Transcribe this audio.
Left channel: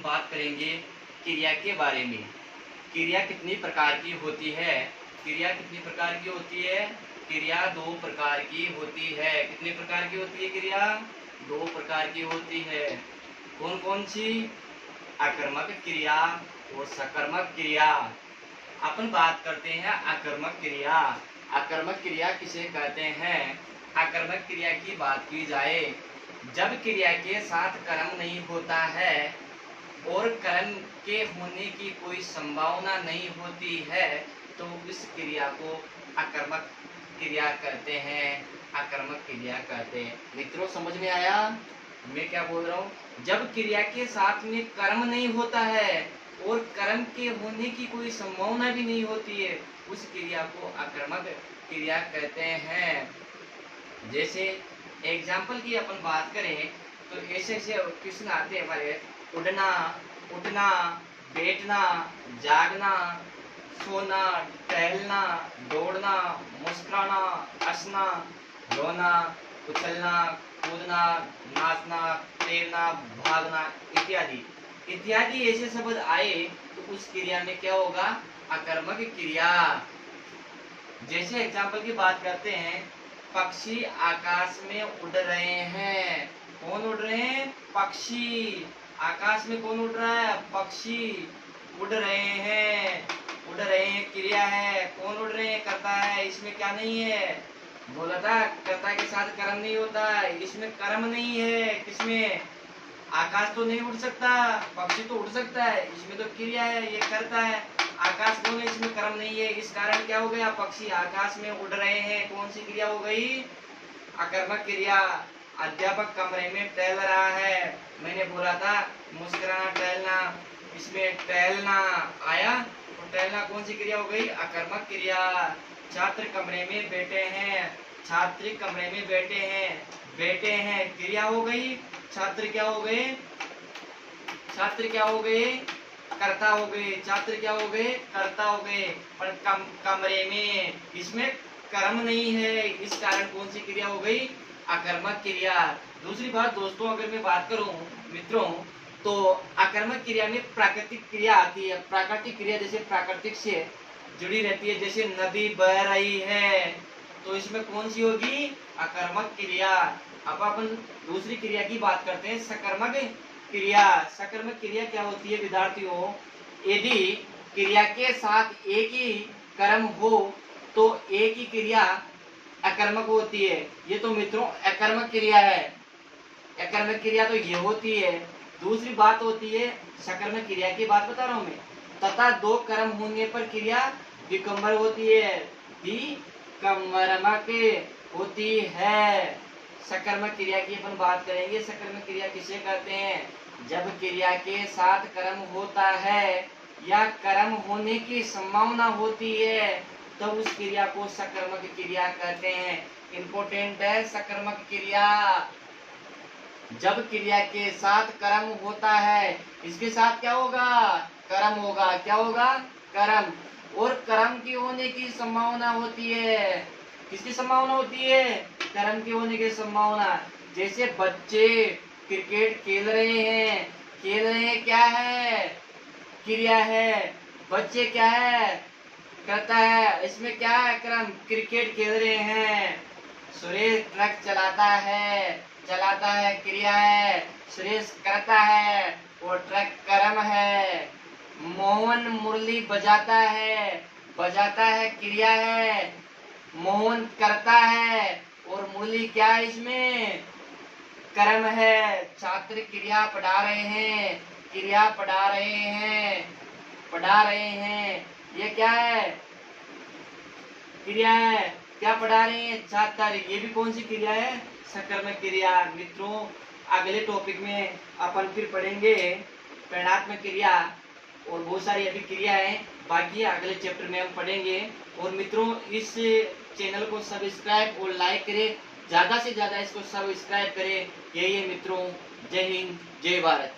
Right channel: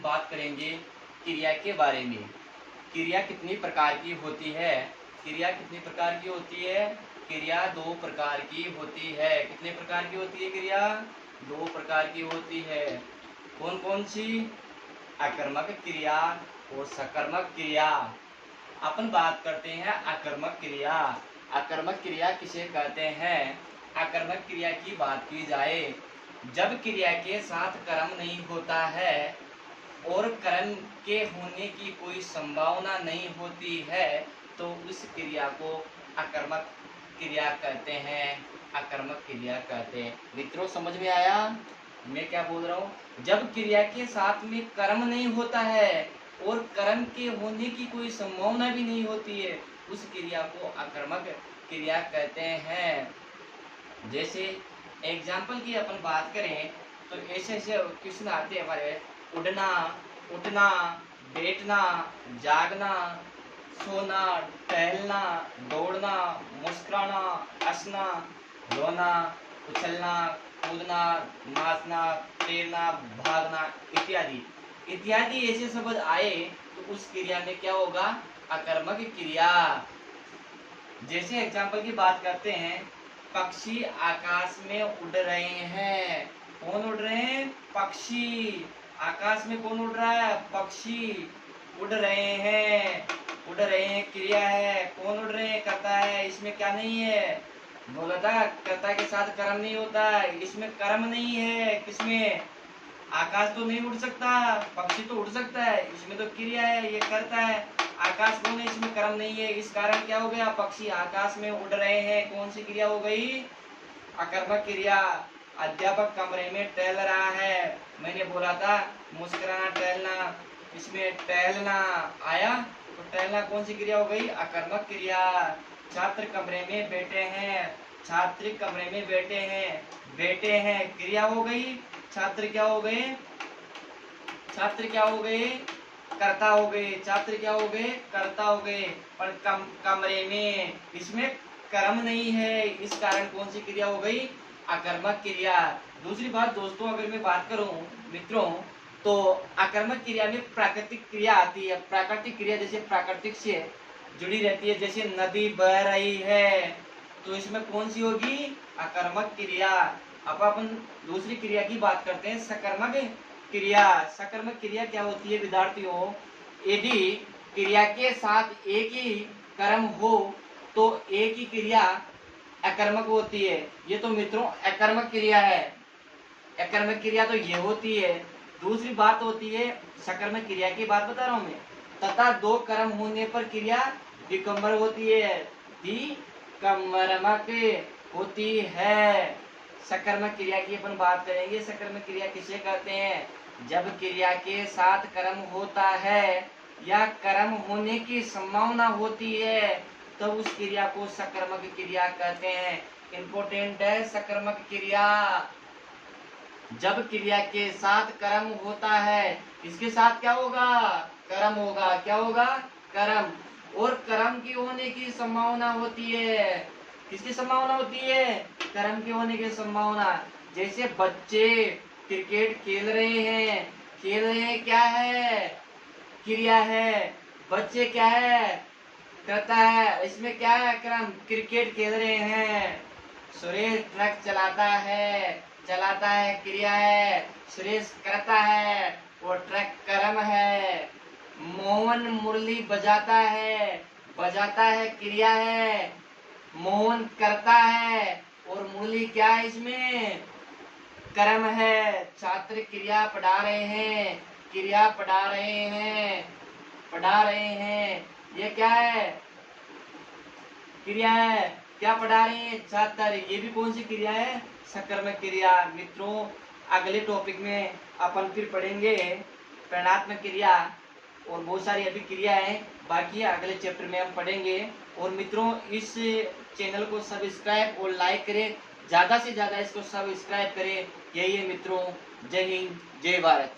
हम बात करेंगे क्रिया के बारे में। क्रिया कितनी प्रकार की होती है? क्रिया कितनी प्रकार की होती है? क्रिया दो प्रकार की होती है। कितने प्रकार की होती है क्रिया? दो प्रकार की होती है। कौन कौन सी? आकर्मक क्रिया और सकर्मक क्रिया। अपन बात करते हैं आकर्मक क्रिया। आकर्मक क्रिया किसे कहते हैं? आकर्मक क्रिया की बात की जाए, जब क्रिया के साथ कर्म नहीं होता है और कर्म के होने की कोई संभावना नहीं होती है तो उस क्रिया को आकर्मक क्रिया कहते हैं। आकर्मक क्रिया कहते हैं। मित्रों, समझ में आया मैं क्या बोल रहा हूँ? जब क्रिया के साथ में कर्म नहीं होता है और कर्म के होने की कोई संभावना भी नहीं होती है, उस क्रिया को आकर्मक क्रिया कहते हैं। जैसे एग्जाम्पल की अपन बात करें तो ऐसे ऐसे क्वेश्चन आते हैं हमारे: उड़ना, उठना, बैठना, जागना, सोना, टहलना, दौड़ना, मुस्कुराना, हंसना, रोना, उछलना, कूदना, नाचना, तैरना, भागना इत्यादि इत्यादि ऐसे शब्द आए तो उस क्रिया में क्या होगा? आकर्मक क्रिया। जैसे एग्जाम्पल की बात करते हैं, पक्षी आकाश में उड़ रहे हैं। कौन उड़ रहे हैं? पक्षी। आकाश में कौन उड़ रहा है? पक्षी उड़ रहे हैं। उड़ रहे हैं क्रिया है। कौन उड़ रहे हैं? कर्ता है। इसमें क्या नहीं है? बोला था कर्ता के साथ कर्म नहीं होता, इसमें कर्म नहीं है। किसमें? आकाश तो नहीं उड़ सकता, पक्षी तो उड़ सकता है, इसमें तो क्रिया है, ये करता है। आकाश कौन है? इसमें कर्म नहीं है, इस कारण क्या हो गया? पक्षी आकाश में उड़ रहे हैं। कौन सी क्रिया हो गई? आकर्मक क्रिया। अध्यापक कमरे में टहल रहा है। मैंने बोला था मुस्कुराना, टहलना, इसमें टहलना आया तो टहलना कौन सी क्रिया हो गई? आकर्मक क्रिया। छात्र कमरे में बैठे हैं। छात्र कमरे में बैठे हैं। बैठे हैं क्रिया हो गई। छात्र क्या हो गए? छात्र क्या हो गए? कर्ता हो गए। छात्र क्या हो गए? कर्ता हो गए। पर कमरे में, इसमें कर्म नहीं है, इस कारण कौन सी क्रिया हो गई? आकर्मक क्रिया। दूसरी बात दोस्तों, अगर मैं बात करूं मित्रों, तो आकर्मक क्रिया में प्राकृतिक क्रिया आती है। प्राकृतिक क्रिया जैसे प्राकृतिक से जुड़ी रहती है, जैसे नदी बह रही है तो इसमें कौन सी होगी? आकर्मक क्रिया। अब अपन दूसरी क्रिया की बात करते हैं, सकर्मक क्रिया। सकर्मक क्रिया क्या होती है विद्यार्थियों? यदि क्रिया के साथ एक ही कर्म हो तो एक ही क्रिया अकर्मक होती है। ये तो मित्रों अकर्मक क्रिया है। अकर्मक क्रिया तो ये होती है। दूसरी बात होती है सकर्मक क्रिया की बात बता रहा हूं मैं। तथा दो कर्म होने पर क्रिया विकम्बर होती है। विकम्बरमक होती है। सकर्मक क्रिया की अपन बात करेंगे। सकर्मक क्रिया किसे कहते हैं? जब क्रिया के साथ कर्म होता है या कर्म होने की संभावना होती है तो उस क्रिया को सकर्मक क्रिया कहते हैं। इंपोर्टेंट है सकर्मक क्रिया। जब क्रिया के साथ कर्म होता है, इसके साथ क्या होगा? कर्म होगा। क्या होगा? कर्म। और कर्म की होने की संभावना होती है। किसकी संभावना होती है? कर्म की होने की संभावना। जैसे बच्चे क्रिकेट खेल रहे हैं। खेल रहे हैं क्या है? क्रिया है। बच्चे क्या है? करता है। इसमें क्या है? कर्म। क्रिकेट खेल रहे हैं। सुरेश ट्रक चलाता है। चलाता है क्रिया है। सुरेश करता है और ट्रक कर्म है। मोहन मुरली बजाता है। बजाता है क्रिया है। मोहन करता है और मुरली क्या है? इसमें कर्म है। छात्र क्रिया पढ़ा रहे हैं। क्रिया पढ़ा रहे हैं। पढ़ा रहे हैं, ये क्या है? क्रिया है। क्या पढ़ा रहे हैं? छात्र। ये भी कौन सी क्रिया है? सकर्मक क्रिया। मित्रों, अगले टॉपिक में अपन फिर पढ़ेंगे परिणात्मक क्रिया और बहुत सारी अभी क्रिया है बाकी है, अगले चैप्टर में हम पढ़ेंगे। और मित्रों, इस चैनल को सब्सक्राइब और लाइक करें, ज्यादा से ज्यादा इसको सब्सक्राइब करें। यही है मित्रों। जय हिंद, जय भारत।